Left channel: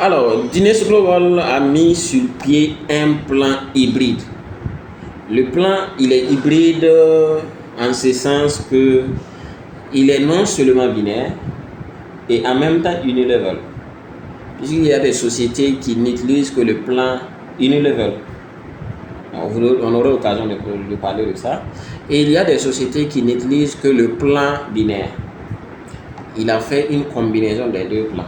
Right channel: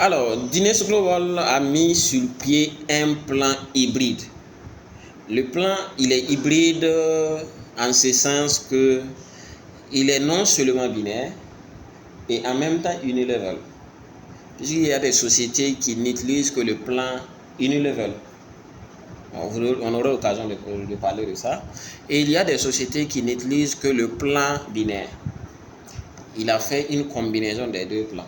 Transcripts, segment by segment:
Alors, Dines Global a mis sur pied un plan hybride. Le plan, il est hybride en ce sens que il est non seulement binaire et en même temps unilevel. Puisqu'il y a des sociétés qui n'utilisent que le plan unilevel. On aura l'occasion de parler de ça. Et il y a des sociétés qui n'utilisent que le plan binaire. Il a fait une combinaison des deux plans.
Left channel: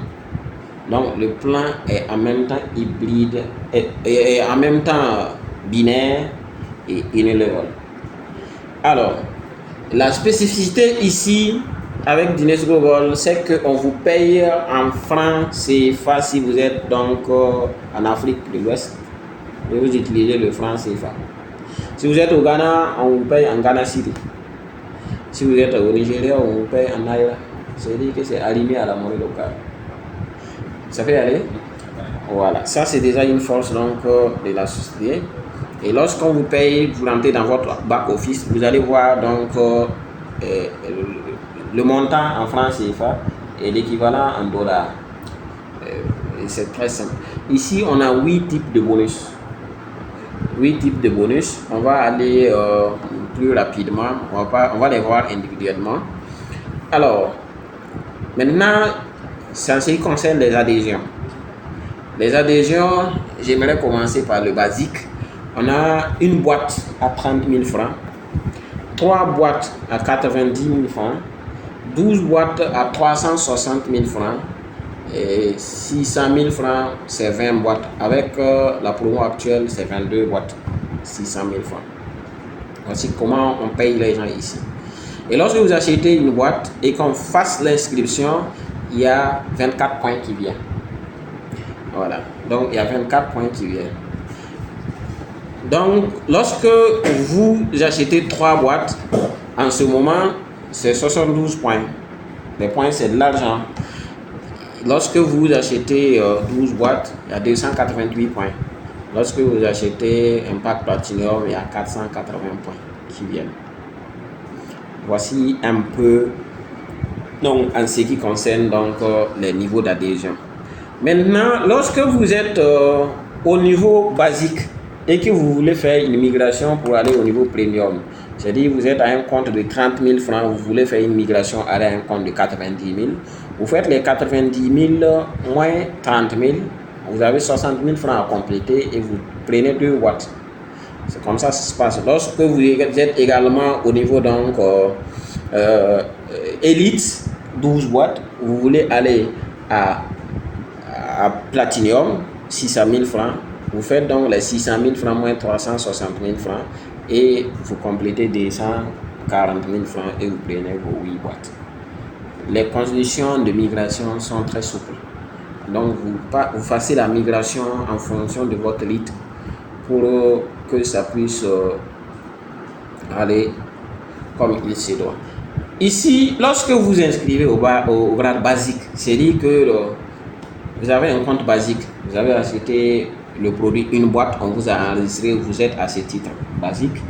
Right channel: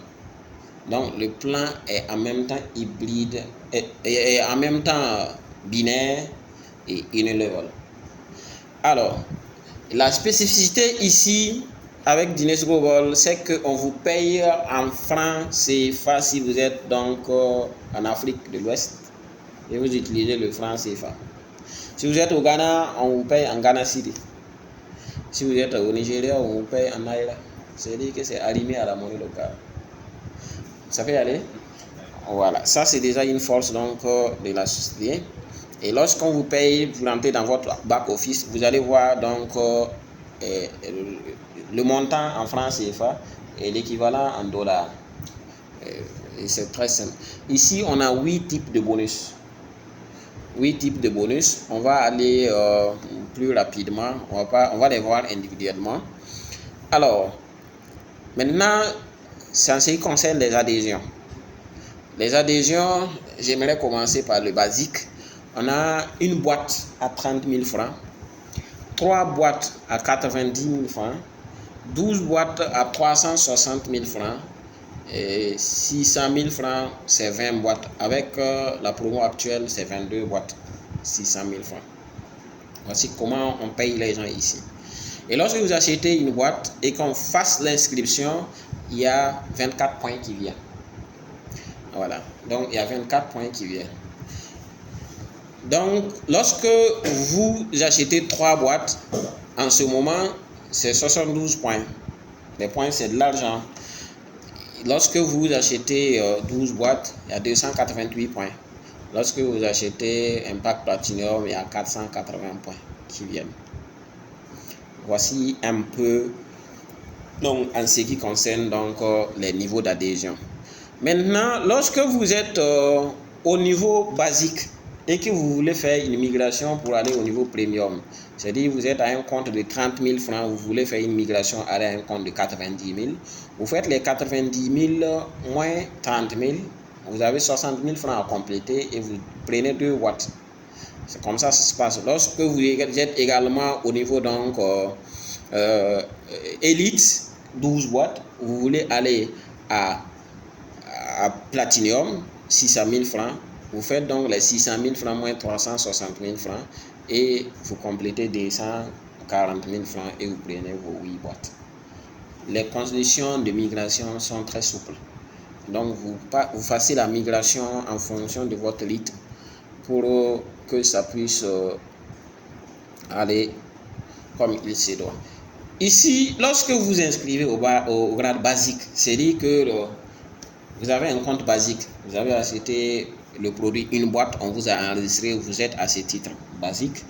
Donc le plan est en même temps hybride et en même temps binaire et unilevel. Alors, la spécificité ici avec Dines Global, c'est qu'on vous paye en francs CFA si vous êtes donc en Afrique de l'Ouest et vous utilisez le franc CFA. Si vous êtes au Ghana, on vous paye en Ghana City. Si vous êtes au Nigeria, on vous paye en Naira. C'est-à-dire que c'est aligné à la monnaie locale. Ça peut aller? Voilà, ça c'est déjà une force donc de la société. Et lorsqu'on vous paye, vous rentrez dans votre back office, vous allez voir donc le montant en francs CFA et l'équivalent en dollars. C'est très simple. Ici, on a 8 types de bonus. 8 types de bonus. On va aller plus rapidement. On va les voir individuellement. Alors, maintenant, c'est en ce qui concerne les adhésions. Les adhésions, j'aimerais commencer par le basique. On a une boîte à 30 000 francs, 3 boîtes à 90 000 francs, 12 boîtes à 360 000 francs et 600 000 francs, c'est 20 boîtes. Avec la promo actuelle, c'est 22 boîtes, 600 000 francs. Voici comment on paye les gens ici. Et lorsque vous achetez une boîte et qu'on fasse l'inscription, il y a 24 points qui viennent. Voilà, donc il y a 24 points qui viennent. Donc, lorsque vous achetez 3 boîtes, en ce moment, c'est 72 points. Les points, c'est de l'argent. Lorsque vous achetez 12 boîtes, il y a 288 points. Lorsque vous achetez Impact Platinum, il y a 480 points qui viennent. Voici un peu donc, en ce qui concerne donc, les niveaux d'adhésion. Maintenant, lorsque vous êtes au niveau basique et que vous voulez faire une migration pour aller au niveau premium, c'est-à-dire vous êtes à un compte de 30 000 francs, vous voulez faire une migration à un compte de 90 000, vous faites les 90 000 moins 30 000, vous avez 60 000 francs à compléter et vous prenez 2 boîtes. C'est comme ça que ça se passe. Lorsque vous êtes également au niveau donc Elite, 12 boîtes, vous voulez aller à Platinum, 600 000 francs, vous faites donc les 600 000 francs moins 360 000 francs et vous complétez 240 000 francs et vous prenez vos 8 boîtes. Les conditions de migration sont très souples. Donc vous fassiez la migration en fonction de votre rythme pour que ça puisse aller comme il se doit. Ici, lorsque vous inscrivez au grade basique, c'est-à-dire que vous avez un compte basique, vous avez acheté le produit, une boîte, on vous a enregistré, vous êtes à ce titre basique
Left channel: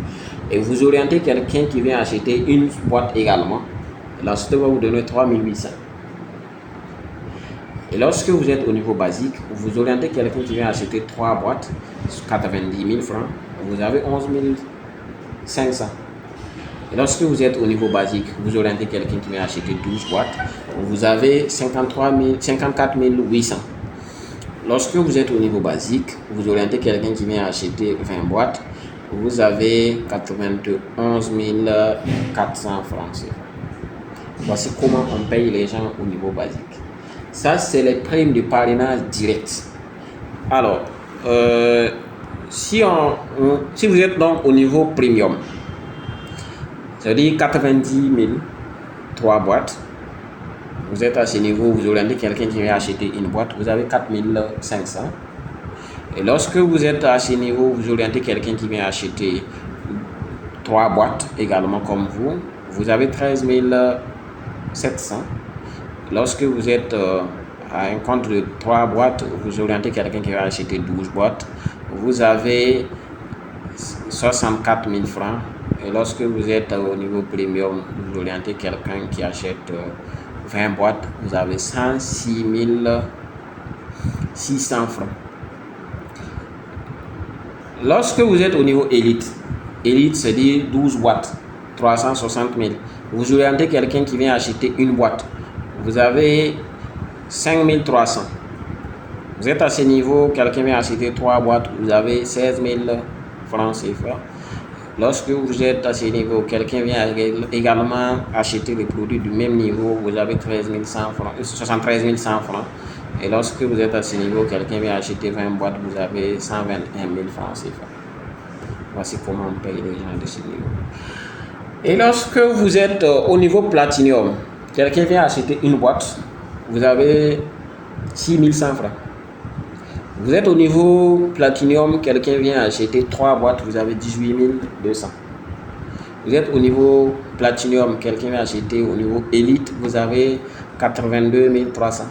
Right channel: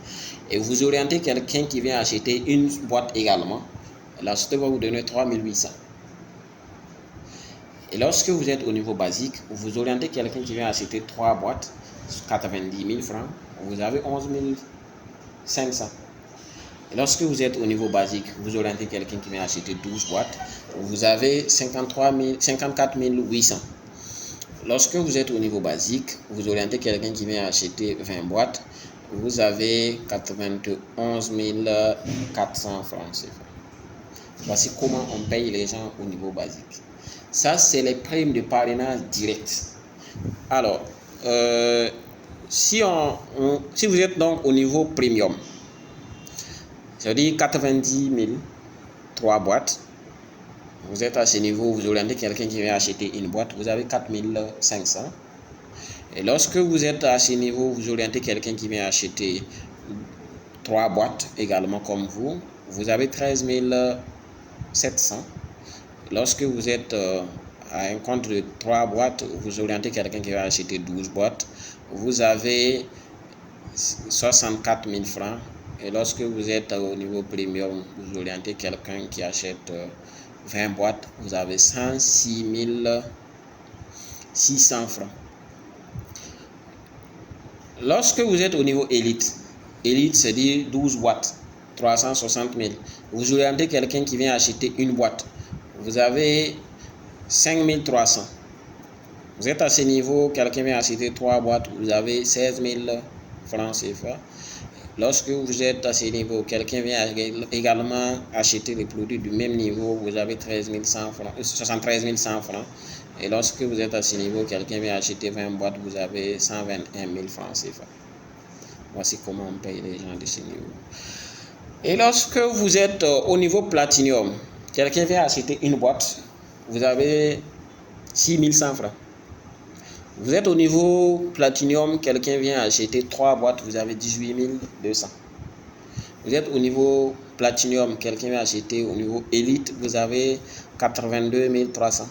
et vous orientez quelqu'un qui vient acheter une boîte également, la société va vous donner 3800. Et lorsque vous êtes au niveau basique, vous orientez quelqu'un qui vient acheter 3 boîtes, 90 000 francs, vous avez 11 500. Et lorsque vous êtes au niveau basique, vous orientez quelqu'un qui vient acheter 12 boîtes, vous avez 54 800. Lorsque vous êtes au niveau basique, vous orientez quelqu'un qui vient acheter 20 boîtes, vous avez 91 400 francs. Voici comment on paye les gens au niveau basique. Ça, c'est les primes de parrainage direct. Alors, si vous êtes donc au niveau premium, c'est-à-dire 90 000, 3 boîtes, vous êtes à ce niveau, vous orientez quelqu'un qui vient acheter une boîte, vous avez 4 500. Et lorsque vous êtes à ce niveau, vous orientez quelqu'un qui vient acheter 3 boîtes également comme vous, vous avez 13 700. Lorsque vous êtes à un compte de 3 boîtes, vous orientez quelqu'un qui va acheter 12 boîtes, vous avez 64 000 francs. Et lorsque vous êtes au niveau premium, vous orientez quelqu'un qui achète 20 boîtes, vous avez 106 600 francs. Lorsque vous êtes au niveau élite, c'est-à-dire 12 boîtes, 360 000. Vous orientez quelqu'un qui vient acheter une boîte. Vous avez 5300. Vous êtes à ce niveau, quelqu'un vient acheter 3 boîtes, vous avez 16 000 francs CFA. Lorsque vous êtes à ce niveau, quelqu'un vient également acheter les produits du même niveau, vous avez 73 100 francs. Et lorsque vous êtes à ce niveau, quelqu'un vient acheter 20 boîtes, vous avez 121 000 francs CFA. Voici comment on paye les gens de ce niveau. Et lorsque vous êtes au niveau platinium, quelqu'un vient acheter une boîte, vous avez 6 100 francs. Vous êtes au niveau platinium, quelqu'un vient acheter 3 boîtes, vous avez 18 200. Vous êtes au niveau platinium, quelqu'un vient acheter au niveau élite, vous avez 82 300.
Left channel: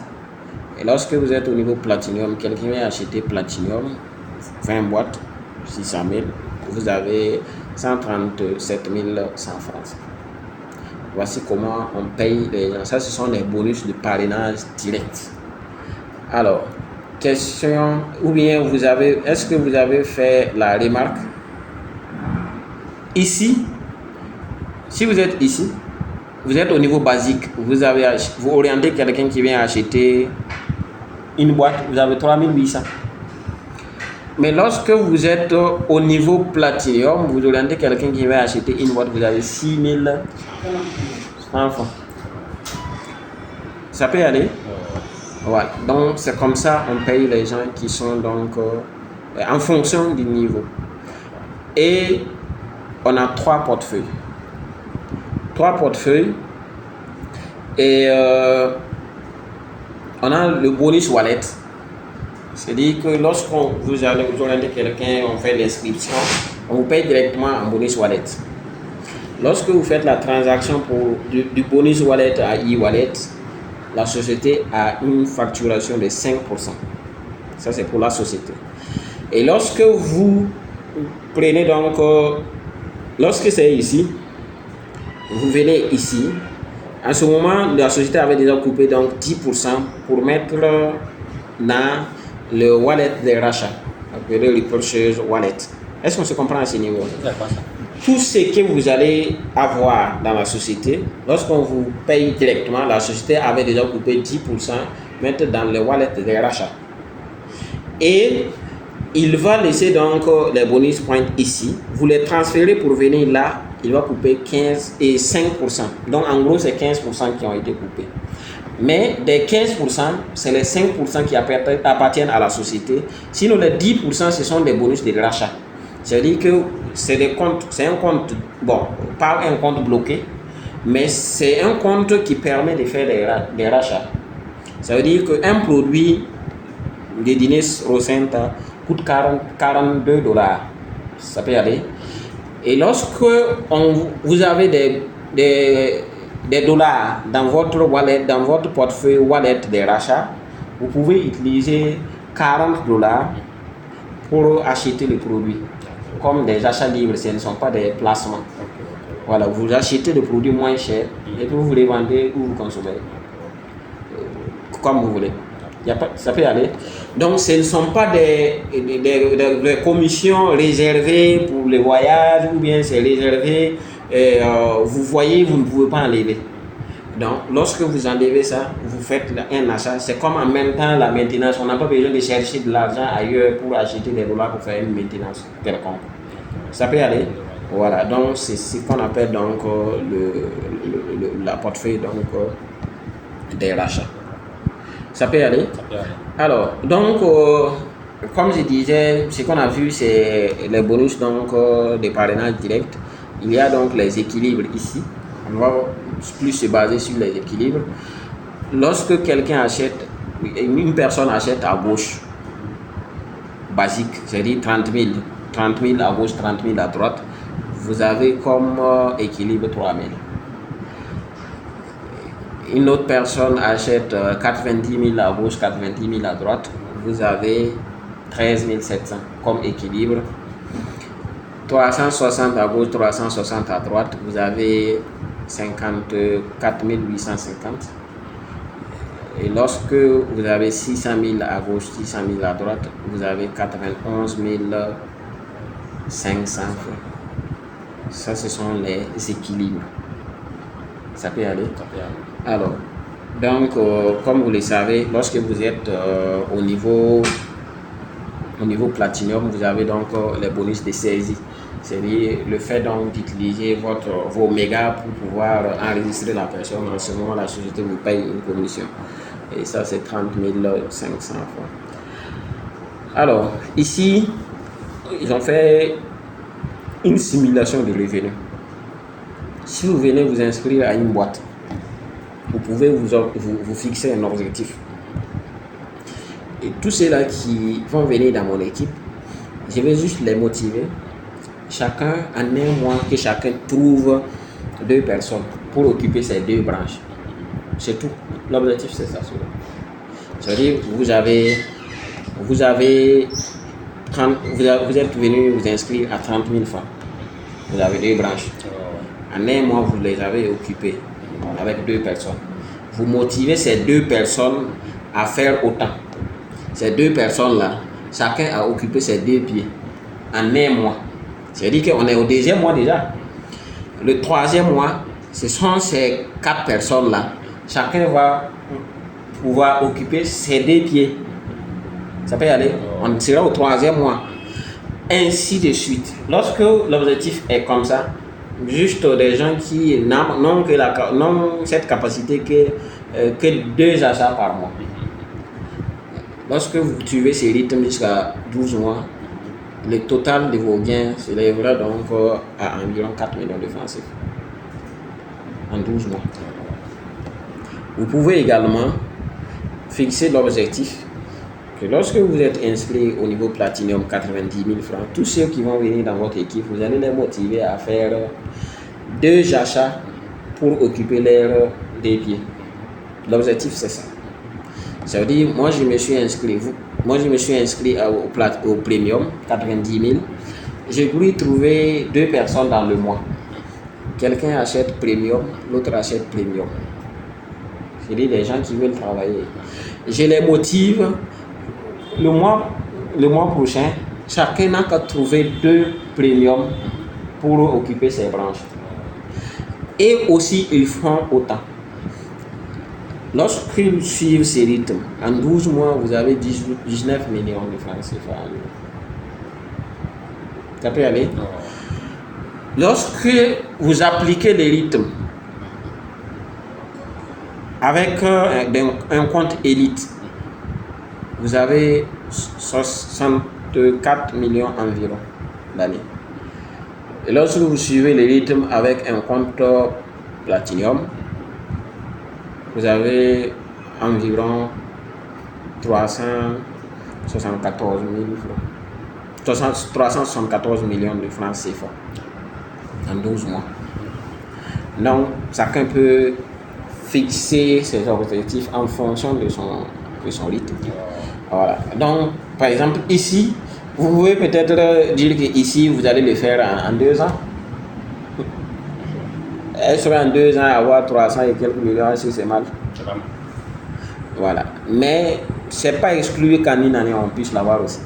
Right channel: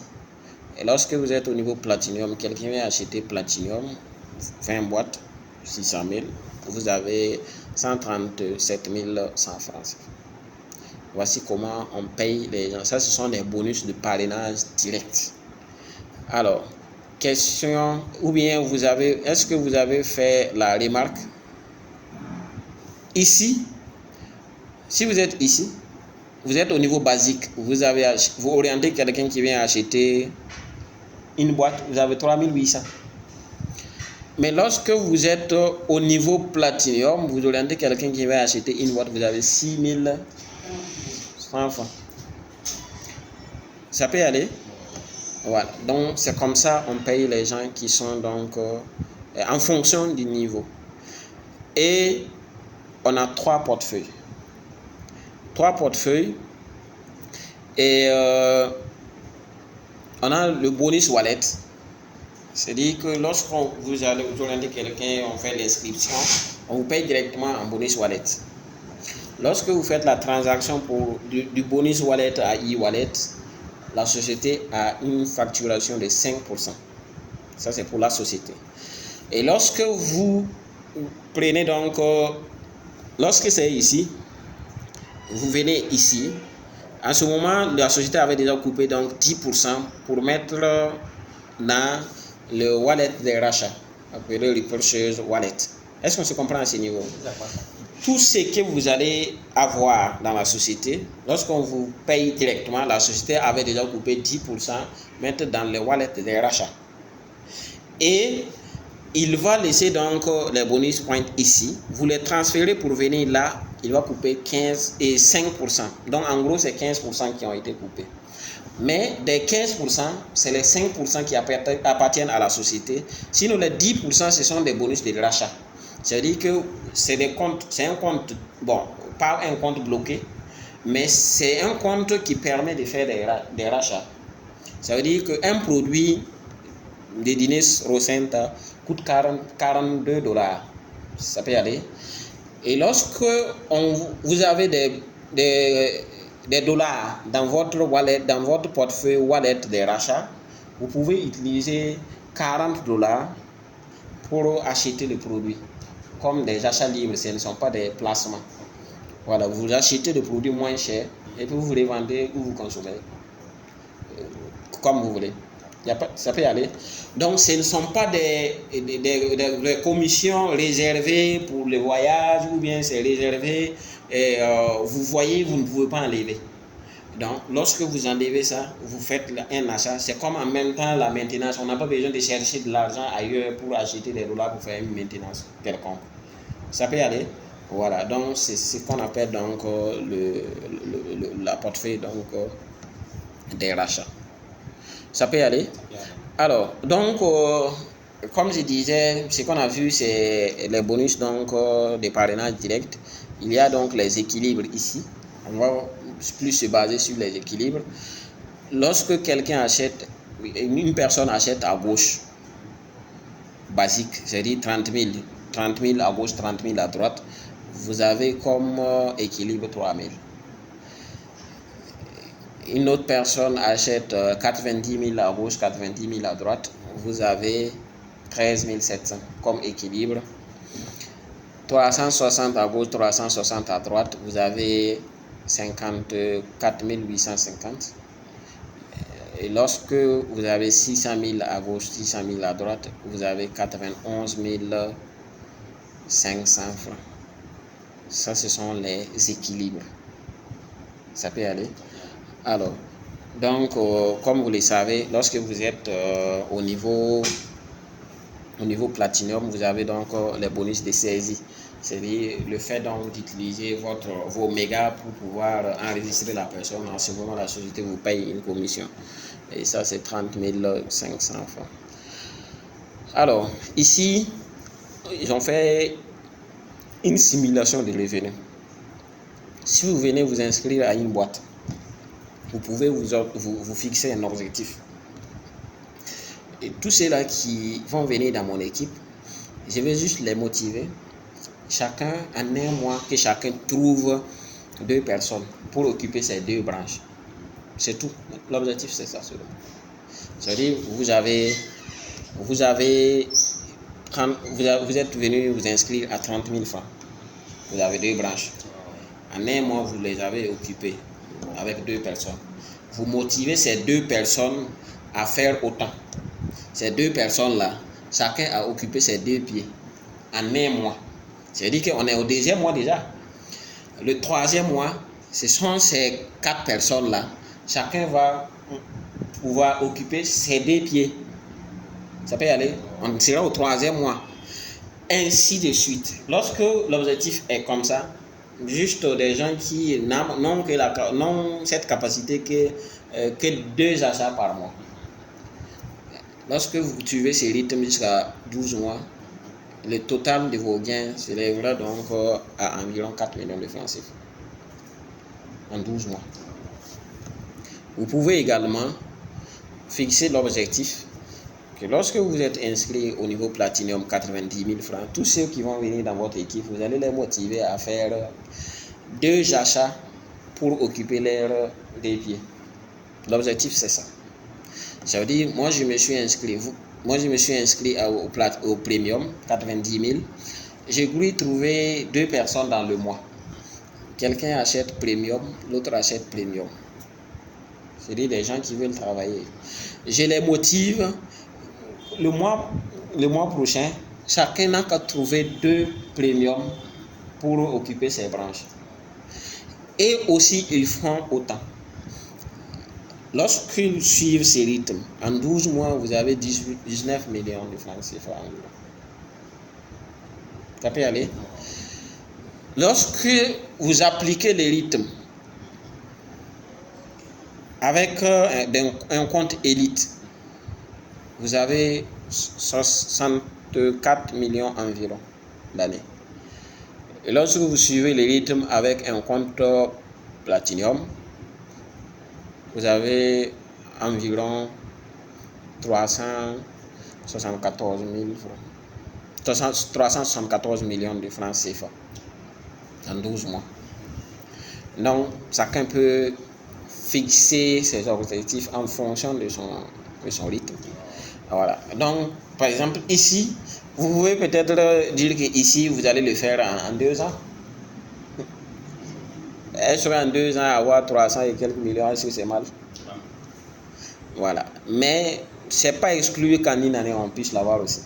Et lorsque vous êtes au niveau platinium, quelqu'un vient acheter platinium, 20 boîtes, 600 000, vous avez 137 100 francs. Voici comment on paye les gens. Ça, ce sont des bonus de parrainage direct. Alors, question, ou bien est-ce que vous avez fait la remarque? Ici, si vous êtes ici, vous êtes au niveau basique, vous orientez quelqu'un qui vient acheter une boîte, vous avez 3800. Mais lorsque vous êtes au niveau platinum, vous orientez quelqu'un qui va acheter une boîte, vous avez 6100 francs. Ça peut y aller? Voilà. Donc c'est comme ça on paye les gens qui sont donc en fonction du niveau. Et on a 3 portefeuilles. 3 portefeuilles. Et on a le bonus wallet. C'est-à-dire que lorsqu'on vous orientez quelqu'un, on fait l'inscription, on vous paye directement en bonus wallet. Lorsque vous faites la transaction du bonus wallet à e-wallet, la société a une facturation de 5%. Ça, c'est pour la société. Et lorsque vous prenez donc, lorsque c'est ici, vous venez ici, en ce moment, la société avait déjà coupé donc 10% pour mettre dans le wallet de rachat, appelé le purchase wallet. Est-ce qu'on se comprend à ce niveau? Tout ce que vous allez avoir dans la société, lorsqu'on vous paye directement, la société avait déjà coupé 10%, mettre dans le wallet de rachat. Et il va laisser donc les bonus points ici. Vous les transférez pour venir là, il va couper 15 et 5%. Donc en gros, c'est 15% qui ont été coupés. Mais des 15%, c'est les 5% qui appartiennent à la société. Sinon, les 10%, ce sont des bonus de rachat. C'est-à-dire que c'est un compte, bon, pas un compte bloqué, mais c'est un compte qui permet de faire des rachats. Ça veut dire qu'un produit de Dines Rosenta coûte 42 $. Ça peut y aller. Et lorsque vous avez des dollars dans votre wallet, dans votre portefeuille wallet de rachat, vous pouvez utiliser 40 $ pour acheter le produit. Comme des achats libres, ce ne sont pas des placements. Voilà, vous achetez le produit moins cher et puis vous les vendez ou vous consommez. Comme vous voulez. Ça peut y aller. Donc, ce ne sont pas des commissions réservées pour les voyages ou bien c'est réservé. Vous voyez, vous ne pouvez pas enlever. Donc, lorsque vous enlevez ça, vous faites un achat. C'est comme en même temps la maintenance. On n'a pas besoin de chercher de l'argent ailleurs pour acheter des dollars pour faire une maintenance quelconque. Ça peut y aller. Voilà. Donc, c'est ce qu'on appelle donc la portefeuille donc, des rachats. Ça peut y aller. Alors, donc, comme je disais, ce qu'on a vu, c'est les bonus donc, des parrainages directs. Il y a donc les équilibres ici. On va plus se baser sur les équilibres. Lorsque quelqu'un achète, une personne achète à gauche, basique, c'est-à-dire 30 000 à gauche, 30 000 à droite, vous avez comme équilibre 3 000. Une autre personne achète 90 000 à gauche, 90 000 à droite, vous avez 13 700 comme équilibre. 360 à gauche, 360 à droite, vous avez 54 850. Et lorsque vous avez 600 000 à gauche, 600 000 à droite, vous avez 91 500 francs. Ça, ce sont les équilibres. Ça peut aller. Alors, donc, comme vous le savez, lorsque vous êtes au niveau platinum, vous avez donc les bonus de saisie. C'est-à-dire le fait donc d'utiliser vos mégas pour pouvoir enregistrer la personne. En ce moment, la société vous paye une commission. Et ça, c'est 30 500 francs. Alors, ici, ils ont fait une simulation de revenu. Si vous venez vous inscrire à une boîte, vous pouvez vous fixer un objectif. Et tous ceux-là qui vont venir dans mon équipe, je vais juste les motiver. Chacun, en un mois, que chacun trouve 2 personnes pour occuper ces 2 branches. C'est tout. L'objectif, c'est ça. C'est-à-dire, vous êtes venu vous inscrire à 30 000 francs. Vous avez 2 branches. En un mois, vous les avez occupées avec 2 personnes. Vous motivez ces 2 personnes à faire autant. Ces 2 personnes-là, chacun a occupé ses 2 pieds en un mois. C'est-à-dire qu'on est au 2e mois déjà. Le 3e mois, ce sont ces 4 personnes-là. Chacun va pouvoir occuper ses 2 pieds. Ça peut y aller. On sera au 3e mois. Ainsi de suite. Lorsque l'objectif est comme ça, juste des gens qui n'ont cette capacité que 2 achats par mois. Lorsque vous suivez ces rythmes jusqu'à 12 mois, le total de vos gains s'élèvera donc à environ 4 millions de francs CFA en 12 mois. Vous pouvez également fixer l'objectif que lorsque vous êtes inscrit au niveau Platinum 90 000 francs, tous ceux qui vont venir dans votre équipe, vous allez les motiver à faire 2 achats pour occuper leurs 2 pieds. L'objectif, c'est ça. Ça veut dire, moi je me suis inscrit au Premium 90 000. J'ai voulu trouver 2 personnes dans le mois. Quelqu'un achète Premium, l'autre achète Premium. C'est-à-dire des gens qui veulent travailler. Je les motive. Le mois prochain, chacun n'a qu'à trouver 2 Premium pour occuper ses branches. Et aussi, ils feront autant. Lorsqu'ils suivent ces rythmes, en 12 mois, vous avez 19 millions de francs CFA. Ça peut aller. Lorsque vous appliquez les rythmes avec un compte élite, vous avez 64 millions environ d'années. Et lorsque vous suivez les rythmes avec un compte Platinum, vous avez environ 374 millions de francs CFA en 12 mois. Donc, chacun peut fixer ses objectifs en fonction de son rythme. Voilà. Donc, par exemple, ici, vous pouvez peut-être dire que ici, vous allez le faire en 2 ans. Est-ce qu'en 2 ans, avoir 300 et quelques millions, est-ce que c'est mal? Voilà. Mais ce n'est pas exclu qu'en une année, on puisse l'avoir aussi.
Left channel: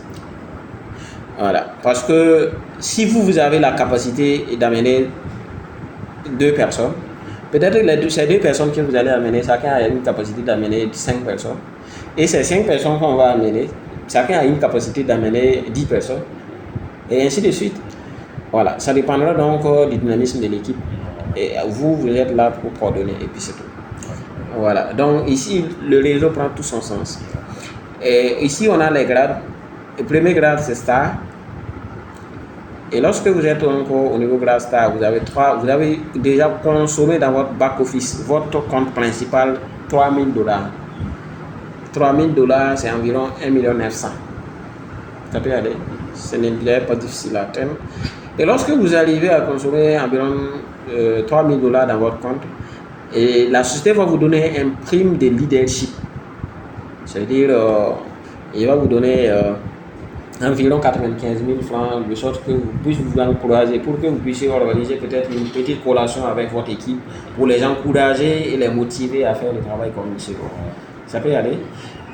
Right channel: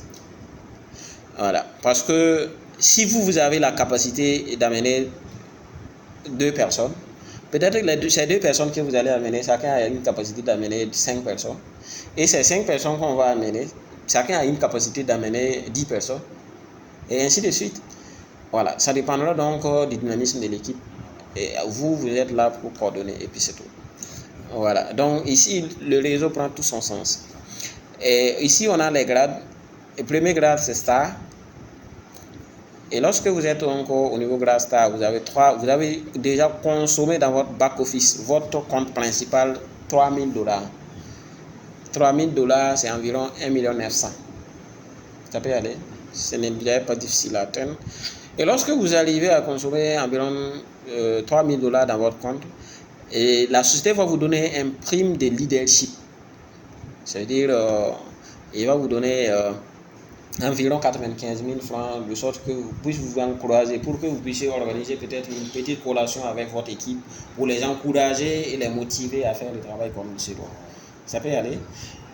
Voilà. Parce que si vous avez la capacité d'amener 2 personnes, peut-être que ces 2 personnes que vous allez amener, chacun a une capacité d'amener 5 personnes. Et ces 5 personnes qu'on va amener, chacun a une capacité d'amener 10 personnes. Et ainsi de suite. Voilà. Ça dépendra donc du dynamisme de l'équipe. Et vous êtes là pour coordonner. Et puis c'est tout. Voilà. Donc ici, le réseau prend tout son sens. Et ici, on a les grades. Le premier grade, c'est Star. Et lorsque vous êtes encore au niveau grade Star, vous avez déjà consommé dans votre back-office, votre compte principal, $3 000. $3 000, c'est environ 1,9 million. Ça peut aller. Ce n'est pas difficile à atteindre. Et lorsque vous arrivez à consommer environ $3 000 dans votre compte, et la société va vous donner un prime de leadership. C'est-à-dire, il va vous donner environ 95 000 francs, de sorte que vous puissiez vous encourager, pour que vous puissiez organiser peut-être une petite collation avec votre équipe, pour les encourager et les motiver à faire le travail comme il se doit. Ça peut y aller.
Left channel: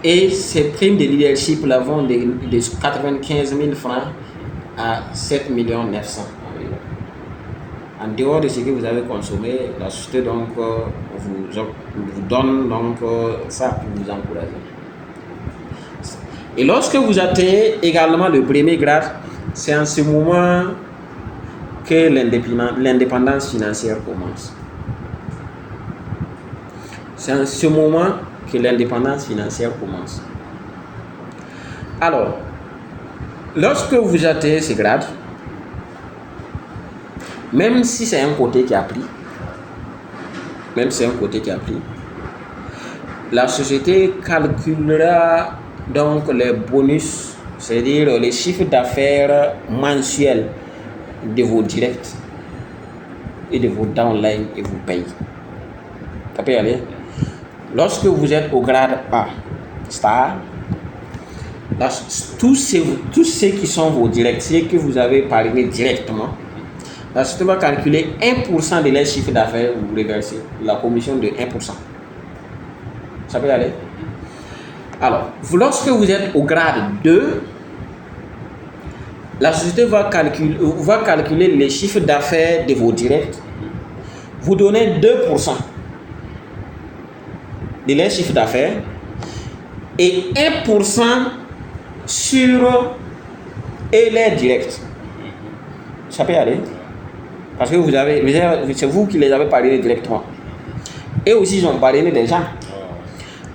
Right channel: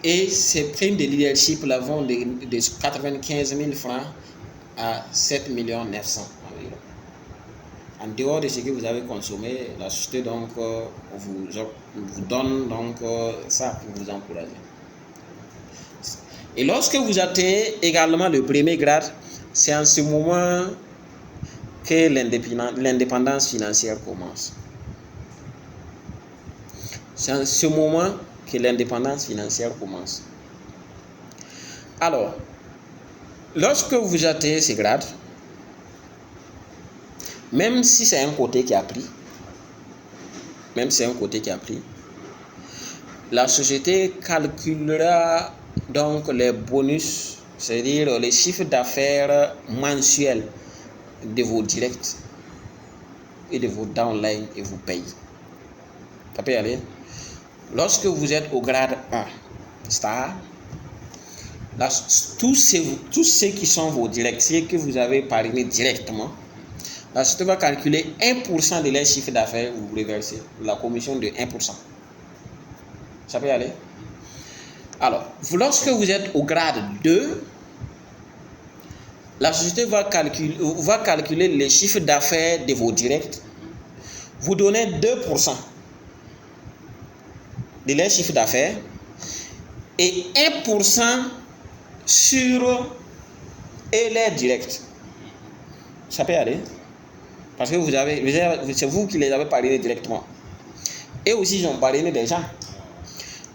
Et ces primes de leadership là vont de 95 000 francs à 7 900 000. En dehors de ce que vous avez consommé, la société donc vous donne donc ça pour vous encourager. Et lorsque vous atteignez également le premier grade, c'est en ce moment que l'indépendance financière commence. C'est en ce moment que l'indépendance financière commence. Alors, lorsque vous atteignez ces grades, même si c'est un côté qui a pris, la société calculera donc les bonus, c'est-à-dire les chiffres d'affaires mensuels de vos directs et de vos downlines et vous paye. Ça peut y aller. Lorsque vous êtes au grade A, star, là, tous ceux qui sont vos directs, ceux que vous avez parrainé directement, la société va calculer 1% de leur chiffre d'affaires, vous reversez la commission de 1%. Ça peut y aller. Alors, lorsque vous êtes au grade 2, la société va calculer les chiffres d'affaires de vos directs, vous donnez 2% de leur chiffre d'affaires et 1% sur les directs. Ça peut y aller. Parce que c'est vous qui les avez parrainés directement. Et aussi, ils ont parrainé des gens.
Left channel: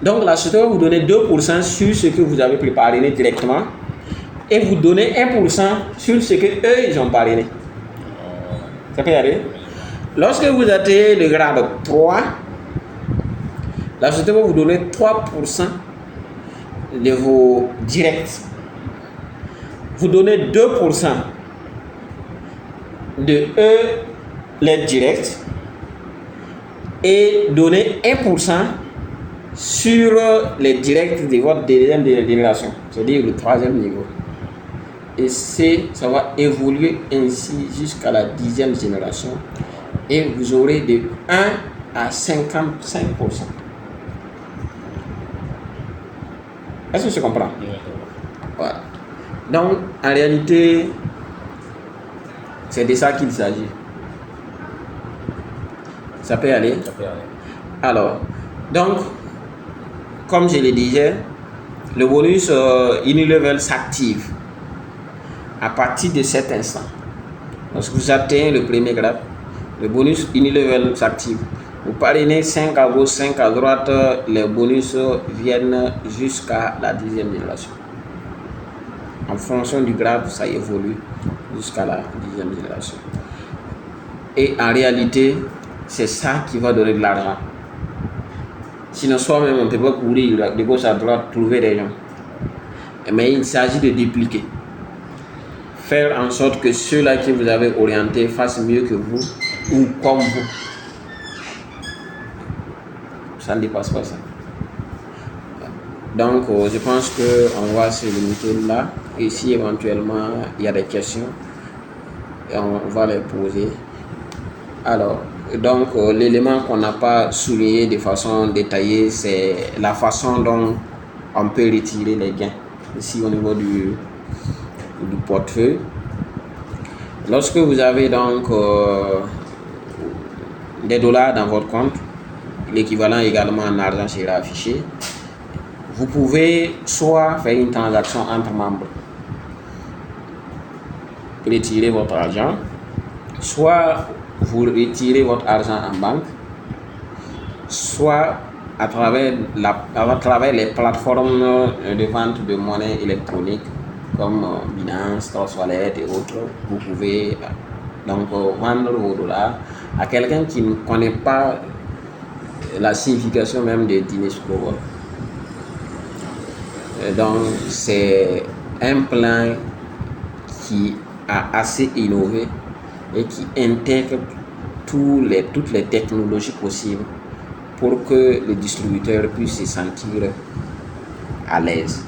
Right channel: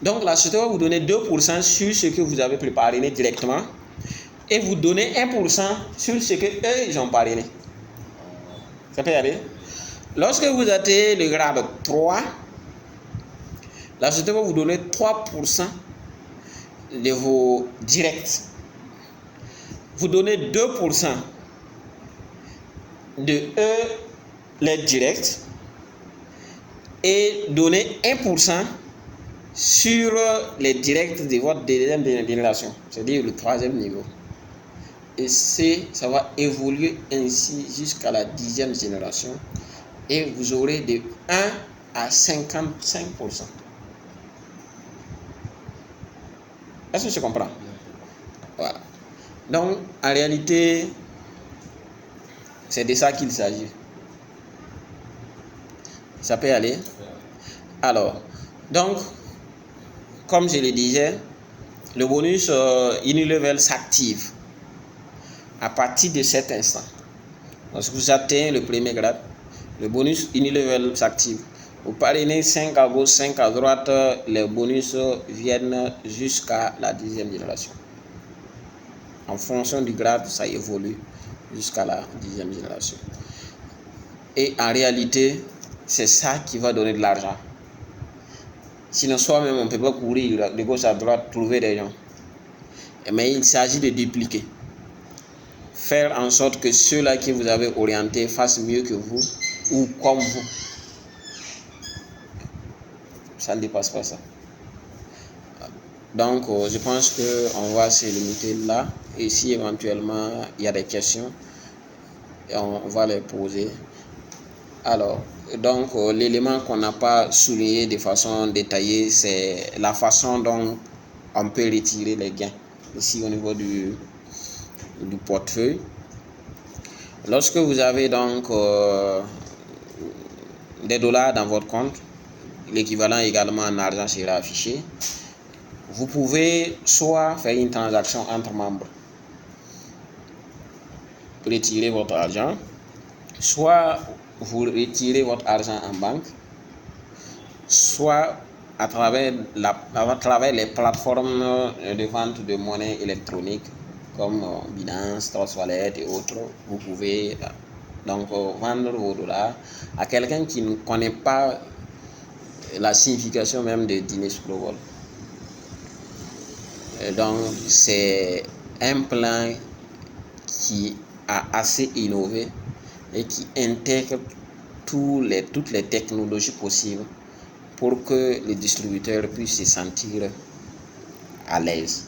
Donc, la société va vous donner 2% sur ce que vous avez parrainé directement et vous donner 1% sur ce que eux ils ont parrainé. Ça peut y aller. Lorsque vous atteignez le grade 3, la société va vous donner 3% de vos directs. Vous donnez 2% de eux, les directs, et donner 1% sur les directs de votre deuxième génération, c'est-à-dire le troisième niveau. Et ça va évoluer ainsi jusqu'à la 10e génération. Et vous aurez de 1 à 55%. Est-ce que tu comprends? Voilà. Donc, en réalité, c'est de ça qu'il s'agit. Ça peut aller? Alors, donc, comme je le disais, le bonus Unilevel s'active à partir de cet instant. Lorsque vous atteignez le premier grade, le bonus Unilevel s'active. Vous parrainez 5 à gauche, 5 à droite, les bonus viennent jusqu'à la 10e génération. En fonction du grade, ça évolue jusqu'à la 10e génération. Et en réalité, c'est ça qui va donner de l'argent. Sinon, soi-même, on ne peut pas courir de gauche à droite, trouver des gens. Mais il s'agit de dupliquer. Faire en sorte que ceux-là que vous avez orientés fassent mieux que vous ou comme vous. Ça ne dépasse pas ça. Donc, je pense qu'on va se limiter là. Et si éventuellement il y a des questions, on va les poser. Alors, donc l'élément qu'on n'a pas souligné de façon détaillée, c'est la façon dont on peut retirer les gains. Ici au niveau du portefeuille. Lorsque vous avez donc des dollars dans votre compte, l'équivalent également en argent sera affiché. Vous pouvez soit faire une transaction entre membres, retirer votre argent, soit vous retirez votre argent en banque, soit à travers les plateformes de vente de monnaie électronique comme Binance, Trust Wallet et autres. Vous pouvez donc vendre vos dollars à quelqu'un qui ne connaît pas la signification même de Dinesh Global. Donc c'est un plan qui a assez innové et qui intègre toutes les technologies possibles pour que le distributeur puisse se sentir à l'aise.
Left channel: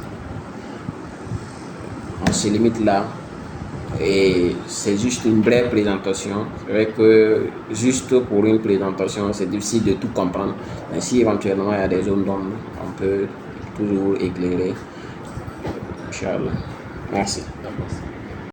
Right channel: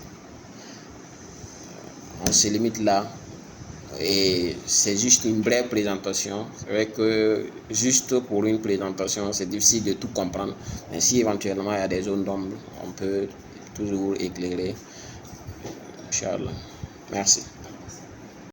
On se limite là et c'est juste une brève présentation. C'est vrai que juste pour une présentation, c'est difficile de tout comprendre, mais si éventuellement il y a des zones d'ombre, on peut toujours éclairer. Inch'Allah. Merci.